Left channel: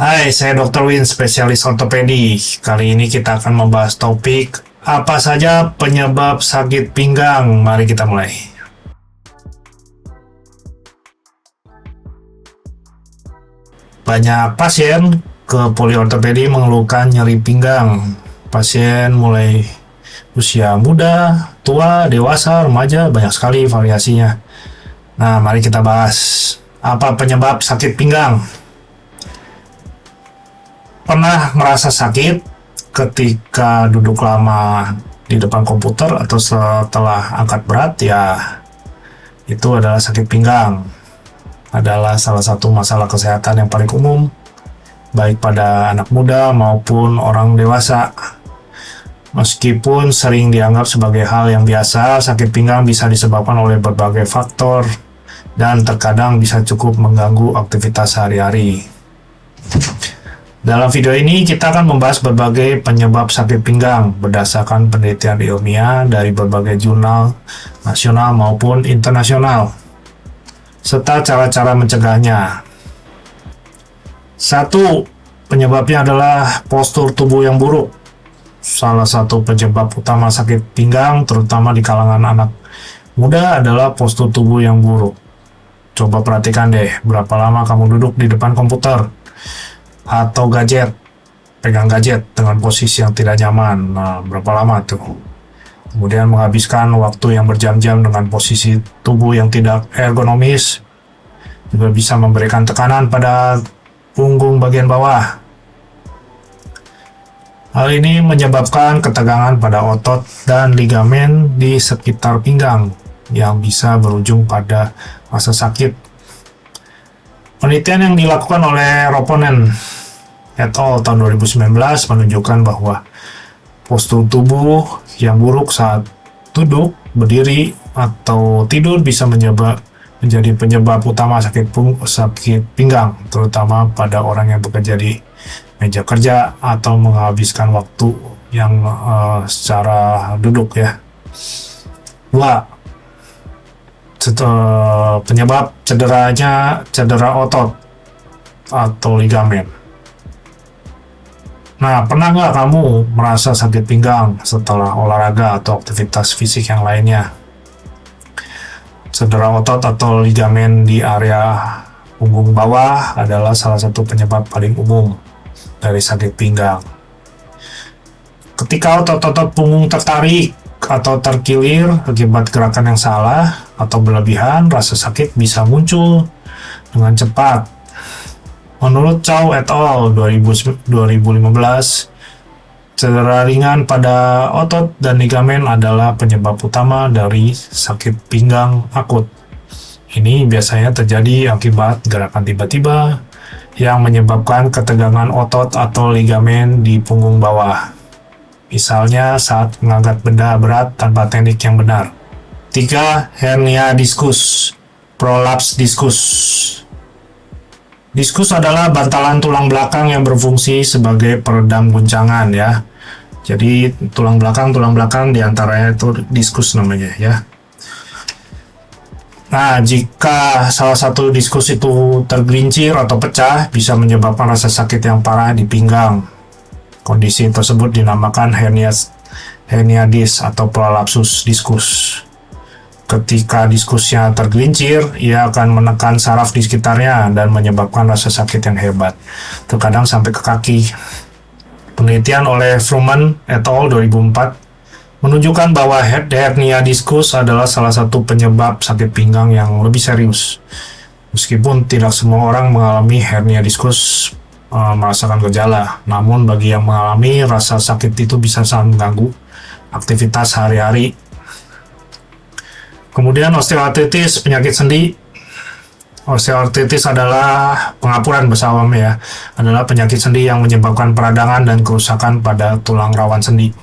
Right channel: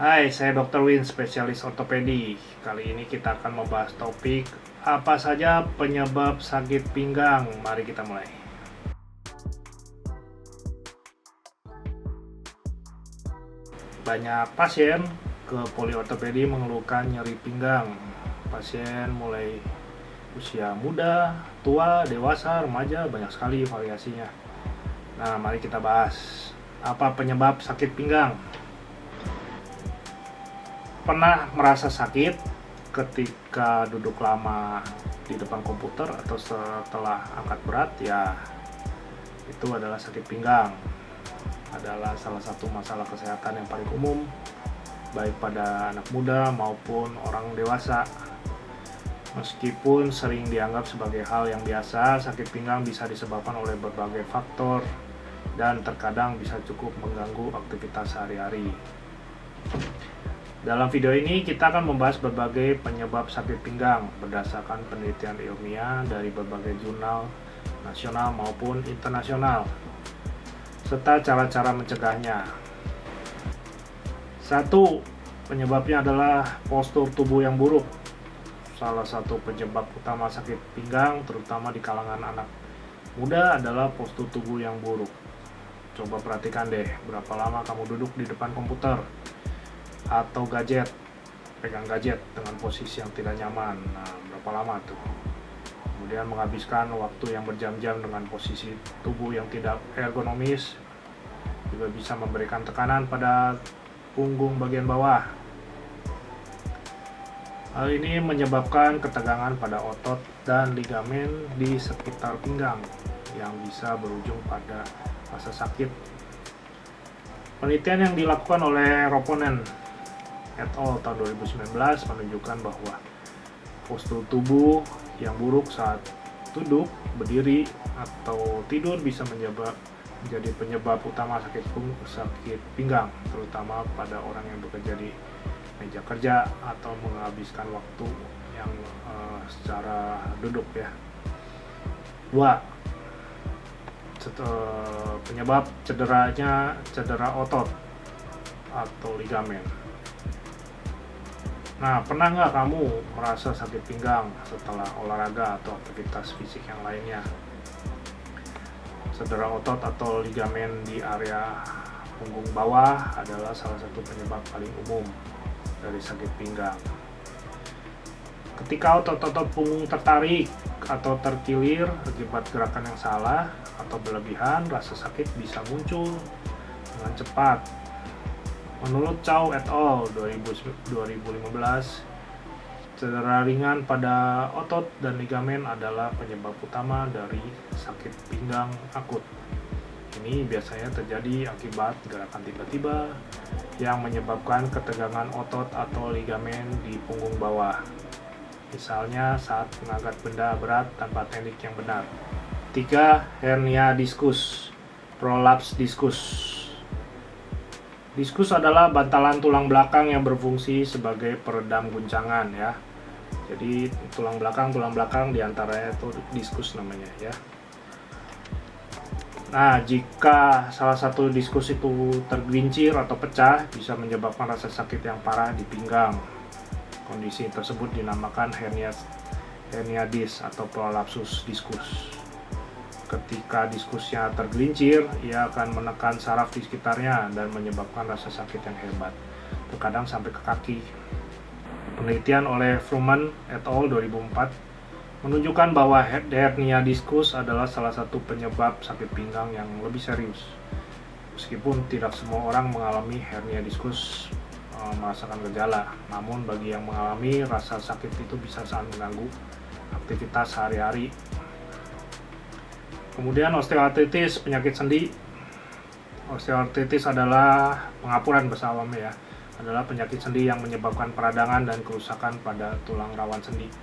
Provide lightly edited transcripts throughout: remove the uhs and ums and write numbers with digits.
Hai, saya Dr. Win, spesialis ortopedi. Kali ini kita akan membahas topik apa saja penyebab sakit pinggang. Mari kita mulai. Banyak pasien ke poliortopedi mengeluhkan nyeri pinggang. Pasien mulai usia muda, tua, dewasa, remaja, banyak sekali variasinya. Nah, mari kita bahas apa penyebab sakit pinggang. Pernah merasa sakit ketika duduk lama di depan komputer atau setelah angkat berat? Ya, itu adalah sakit pinggang. Adalah salah satu masalah kesehatan yang paling umum, baik pada anak muda maupun orang dewasa. Meskipun sering dianggap sebagai hal yang biasa, sakit pinggang bisa disebabkan oleh berbagai faktor dan terkadang bisa cukup mengganggu aktivitas sehari-hari. Dalam video ini kita akan membahas berbagai penyebab sakit pinggang berdasarkan penelitian ilmiah dari berbagai jurnal nasional maupun internasional, serta cara-cara mencegahnya. 1. Penyebabnya adalah postur tubuh yang buruk. Salah satu penyebab utama sakit pinggang, terutama di kalangan anak muda, adalah postur tubuh yang buruk. Coba perhatikan deh, berapa lama kamu duduk di depan komputer atau pegang gadget dengan posisi yang tidak nyaman. Nah, berapa lama tuh? Kemudian menghabiskan waktu yang berjam-jam dengan posisi tubuh yang tidak ergonomis juga bisa memberikan tekanan pada punggung bagian bawah. Hal ini menyebabkan ketegangan pada otot dan ligamen di sekitar pinggang yang bisa berujung pada rasa sakit. Penelitian yang dilakukan oleh Ropponen et al. Tahun 2019 menunjukkan bahwa postur tubuh yang buruk saat duduk, berdiri, atau tidur bisa menjadi penyebab utama sakit pinggang, terutama pada orang yang bekerja di meja kerja atau menghabiskan waktu yang secara duduk ya. 2. Penyebab cedera otot atau ligamen. Nah, pernah nggak kamu merasa sakit pinggang setelah olahraga atau aktivitas fisik yang lainnya? Cedera otot atau ligamen di area punggung bawah adalah salah satu penyebab paling umum dari sakit pinggang. Ketika otot-otot punggung tertarik atau terkilir akibat gerakan yang salah atau berlebihan, rasa sakit bisa muncul dengan cepat. Menurut Chow et al. 2015, cedera ringan pada otot dan ligamen adalah penyebab utama dari sakit pinggang akut. Ini biasanya terjadi akibat gerakan tiba-tiba yang menyebabkan ketegangan otot atau ligamen di punggung bawah. Misalnya saat mengangkat benda berat tanpa teknik yang benar. 3. Hernia diskus, prolaps diskus. Diskus adalah bantalan tulang belakang yang berfungsi sebagai peredam guncangan ya. Jadi tulang belakang diantaranya itu diskus namanya ya. Nah, jika salah satu diskus itu tergelincir atau pecah, bisa menyebabkan rasa sakit yang parah di pinggang. Kondisi tersebut dinamakan hernia disc atau prolapsus diskus. Ketika diskusnya tergelincir, ia akan menekan saraf di sekitarnya dan menyebabkan rasa sakit yang hebat, terkadang sampai ke kaki. Penelitian oleh Fruman et al. 2004 menunjukkan bahwa hernia diskus adalah salah satu penyebab sakit pinggang yang lebih serius. Meskipun tidak semua orang mengalami hernia diskus merasakan gejala, namun bagi yang mengalami, rasa sakit itu bisa sangat mengganggu aktivitas sehari-hari. Kemudian osteoartritis, penyakit sendi. Osteoartritis adalah pengapuran bahasa awam ya, adalah penyakit sendi yang menyebabkan peradangan dan kerusakan pada tulang rawan sendi.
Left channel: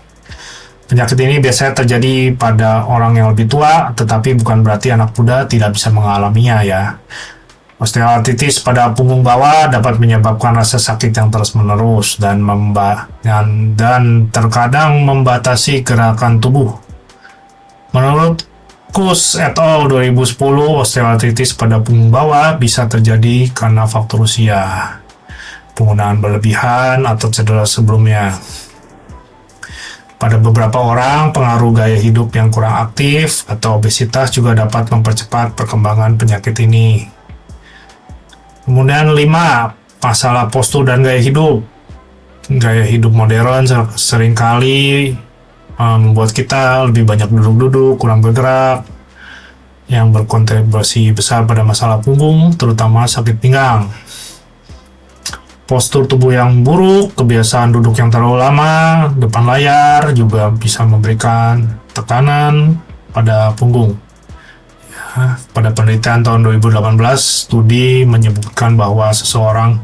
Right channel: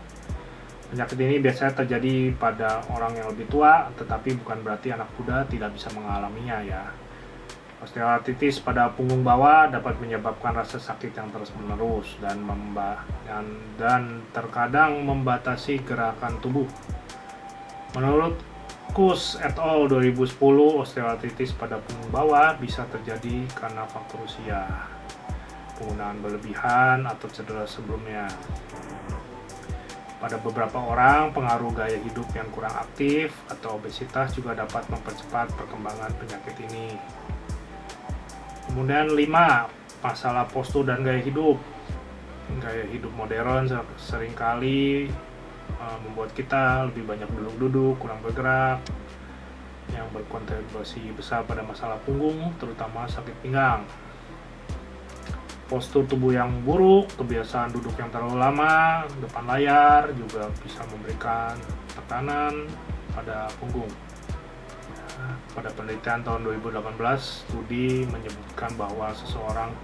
Penyakit ini biasanya terjadi pada orang yang lebih tua, tetapi bukan berarti anak muda tidak bisa mengalaminya ya. Osteoartritis pada punggung bawah dapat menyebabkan rasa sakit yang terus-menerus dan terkadang membatasi gerakan tubuh. Menurut Kus et al. 2010, osteoartritis pada punggung bawah bisa terjadi karena faktor usia. penggunaan berlebihan atau cedera sebelumnya. Pada beberapa orang, pengaruh gaya hidup yang kurang aktif atau obesitas juga dapat mempercepat perkembangan penyakit ini. Kemudian 5, masalah postur dan gaya hidup. Gaya hidup modern seringkali membuat kita lebih banyak duduk-duduk, kurang bergerak, yang berkontribusi besar pada masalah punggung, terutama sakit pinggang. Postur tubuh yang buruk, kebiasaan duduk yang terlalu lama depan layar juga bisa memberikan tekanan pada punggung. Ya, pada penelitian tahun 2018, studi menyebutkan bahwa seseorang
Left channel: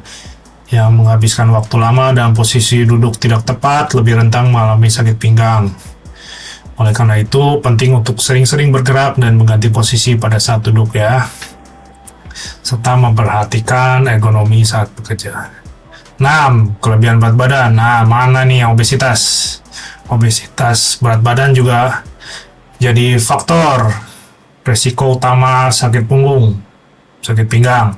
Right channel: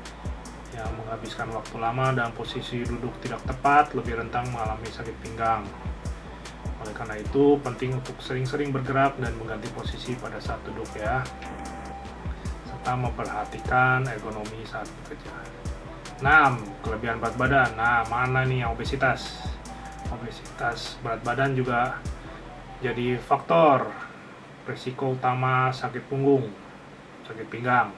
yang menghabiskan waktu lama dalam posisi duduk tidak tepat lebih rentan mengalami sakit pinggang. Oleh karena itu, penting untuk sering-sering bergerak dan mengganti posisi pada saat duduk ya, serta memperhatikan ergonomi saat bekerja. 6. Kelebihan berat badan. Nah, mana nih yang obesitas? Obesitas berat badan juga jadi faktor resiko utama sakit punggung, sakit pinggang.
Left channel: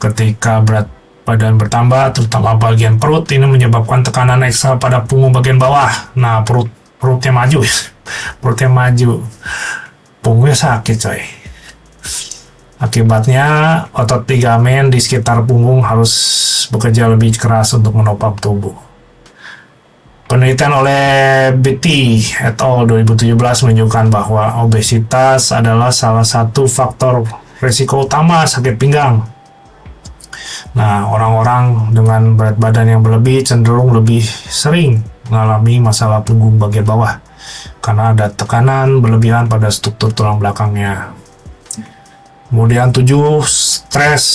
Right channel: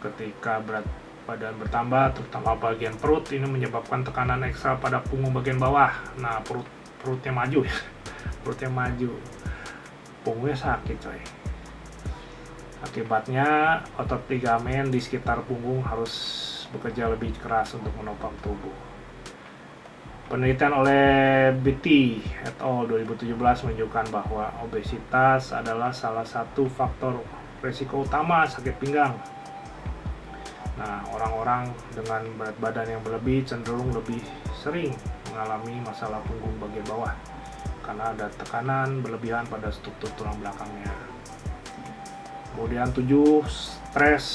Ketika berat badan bertambah, terutama bagian perut, ini menyebabkan tekanan ekstra pada punggung bagian bawah. Nah, perutnya maju, perutnya maju, punggungnya sakit coy. Akibatnya, otot ligamen di sekitar punggung harus bekerja lebih keras untuk menopang tubuh. Penelitian oleh Betty et al. 2017 menunjukkan bahwa obesitas adalah salah satu faktor risiko utama sakit pinggang. Nah, orang-orang dengan berat badan yang berlebih cenderung lebih sering mengalami masalah punggung bagian bawah karena ada tekanan berlebihan pada struktur tulang belakangnya. Kemudian 7, stres.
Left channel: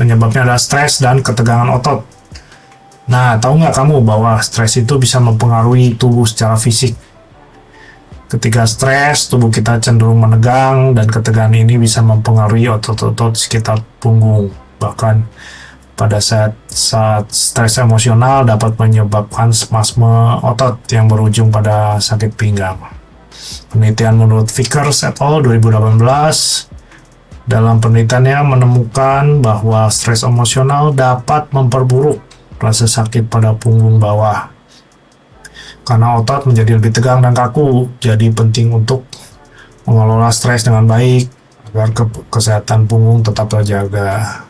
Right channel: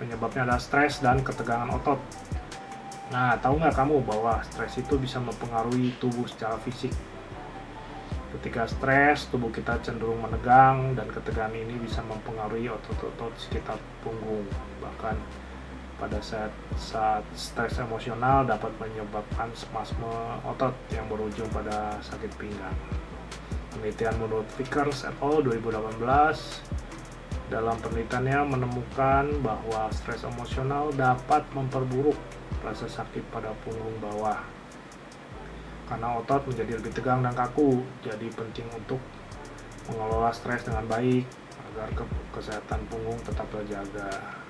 Penyebabnya adalah stres dan ketegangan otot. Nah, tahu nggak kamu bahwa stres itu bisa mempengaruhi tubuh secara fisik? Ketika stres, tubuh kita cenderung menegang dan ketegangan ini bisa mempengaruhi otot-otot sekitar punggung. Bahkan pada saat stres emosional dapat menyebabkan spasme otot yang berujung pada sakit pinggang. Penelitian menurut Vickers et al. 2018 dalam penelitiannya menemukan bahwa stres emosional dapat memperburuk rasa sakit pada punggung bawah karena otot menjadi lebih tegang dan kaku. Jadi penting untuk mengelola stres dengan baik agar kesehatan punggung tetap terjaga.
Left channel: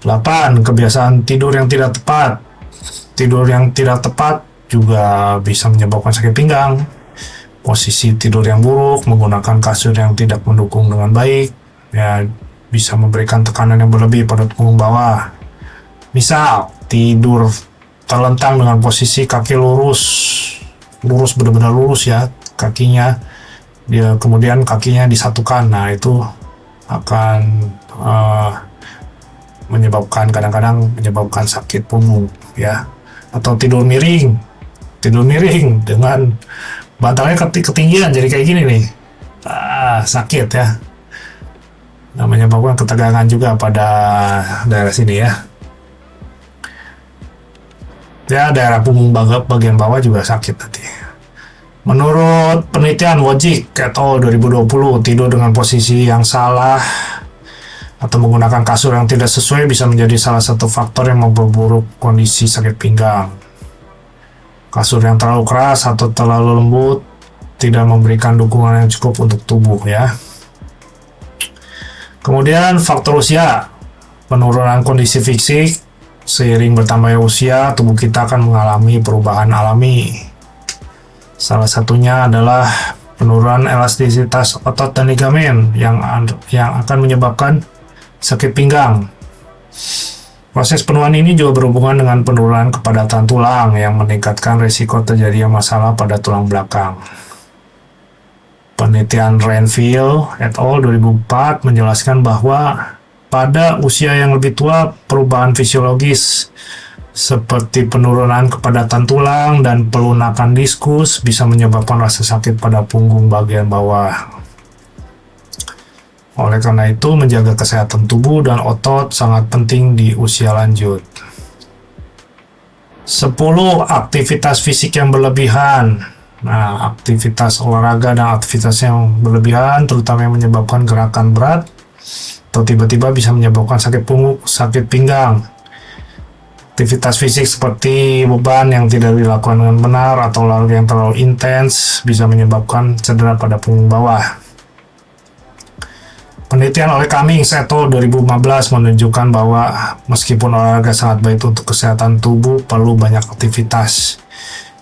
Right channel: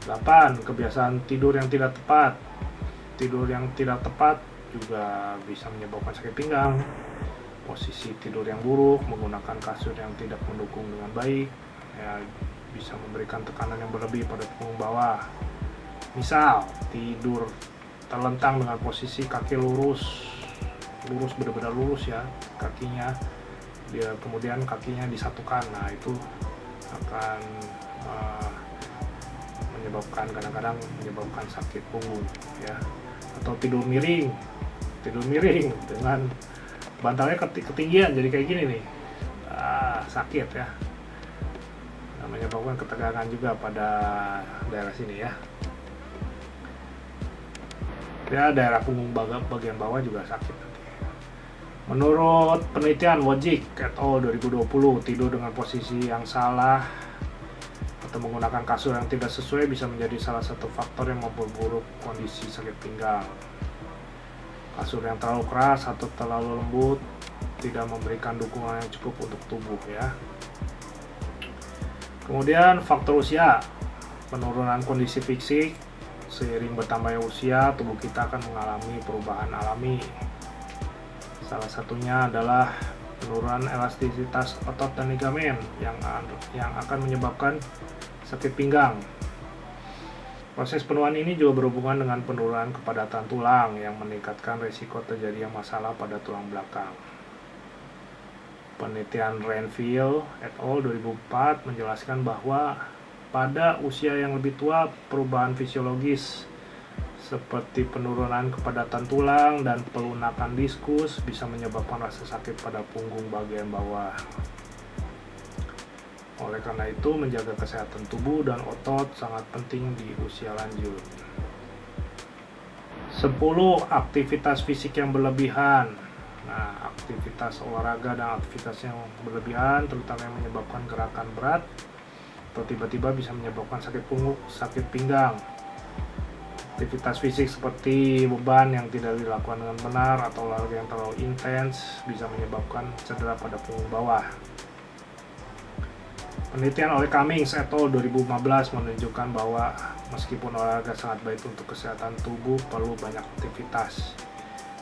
8. Kebiasaan tidur yang tidak tepat. Tidur yang tidak tepat juga bisa menyebabkan sakit pinggang. Posisi tidur yang buruk, menggunakan kasur yang tidak mendukung dengan baik, ya bisa memberikan tekanan yang berlebih pada punggung bawah. Misal, tidur terlentang dengan posisi kaki lurus benar-benar lurus ya, kakinya, kemudian kakinya disatukan. Nah, itu akan kadang-kadang menyebabkan sakit punggung ya. Atau tidur miring dengan bantalnya ketinggian jadi kayak gini nih, sakit ya. Nah, menyebabkan ketegangan juga pada daerah sini ya. Ya, daerah punggung bagian bawah juga sakit nanti. Menurut penelitian Wojcik et al. 2020, tidur dengan posisi yang salah atau menggunakan kasur yang tidak sesuai bisa menjadi salah satu faktor yang memperburuk kondisi sakit pinggang. Kasur yang terlalu keras atau terlalu lembut tidak memberikan dukungan yang cukup untuk tubuh ya. Kemudian faktor usia, penurunan kondisi fisik. Seiring bertambahnya usia, tubuh kita akan mengalami perubahan alami. Salah satunya adalah penurunan elastisitas otot dan ligamen yang akan menyebabkan sakit pinggang. Proses penuaan ini juga berhubungan dengan penurunan kepadatan tulang yang meningkatkan risiko terjadinya masalah pada tulang belakang. Penelitian Renfield et al. 2004 menjelaskan bahwa pada usia yang lebih tua, perubahan fisiologis seperti penurunan kepadatan tulang dan pelunakan diskus bisa menyebabkan rasa sakit pada punggung bagian bawah. Oleh karena itu, menjaga kesehatan tubuh dan otot sangat penting di usia lanjut. 10. Aktivitas fisik yang berlebihan. Nah, aktivitas olahraga dan aktivitas yang berlebihan, terutama yang menyebabkan gerakan berat atau tiba-tiba bisa menyebabkan sakit punggung, sakit pinggang. Aktivitas fisik seperti beban yang tidak dilakukan dengan benar atau olahraga yang terlalu intens bisa menyebabkan cedera pada punggung bawah. Penelitian oleh Cummings et al. 2015 menunjukkan bahwa meskipun olahraga sangat baik untuk kesehatan tubuh, perlu banyak aktivitas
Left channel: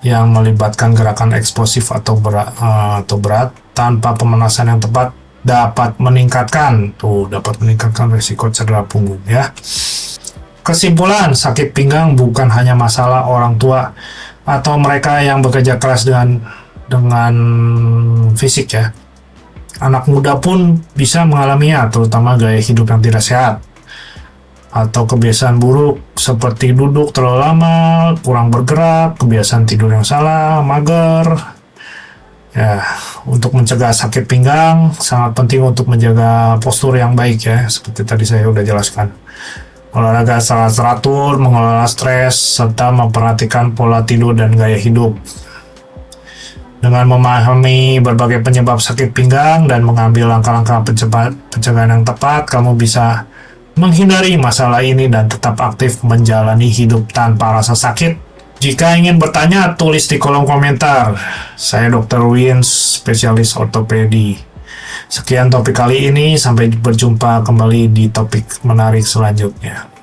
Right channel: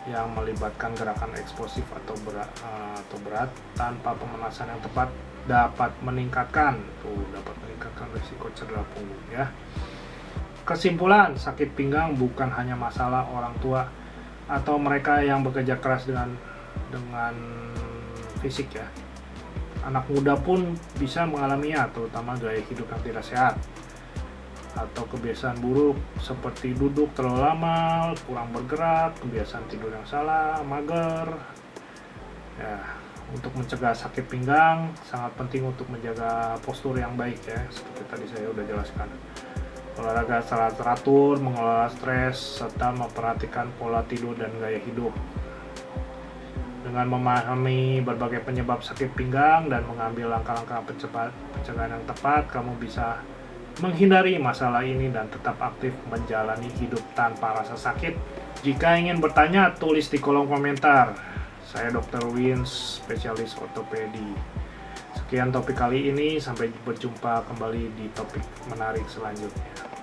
yang melibatkan gerakan eksplosif atau berat tanpa pemanasan yang tepat dapat meningkatkan risiko cedera punggung ya. Kesimpulan, sakit pinggang bukan hanya masalah orang tua atau mereka yang bekerja keras dengan fisik ya. Anak muda pun bisa mengalaminya, terutama gaya hidup yang tidak sehat atau kebiasaan buruk seperti duduk terlalu lama, kurang bergerak, kebiasaan tidur yang salah, mager. Ya, untuk mencegah sakit pinggang sangat penting untuk menjaga postur yang baik ya, seperti tadi saya udah jelaskan. Olahraga secara teratur, mengelola stres, serta memperhatikan pola tidur dan gaya hidup. Dengan memahami berbagai penyebab sakit pinggang dan mengambil langkah-langkah pencegahan yang tepat, kamu bisa menghindari masalah ini dan tetap aktif menjalani hidup tanpa rasa sakit. Jika ingin bertanya, tulis di kolom komentar. Saya Dr. Wins, spesialis ortopedi. Sekian topik kali ini, sampai berjumpa kembali di topik menarik selanjutnya.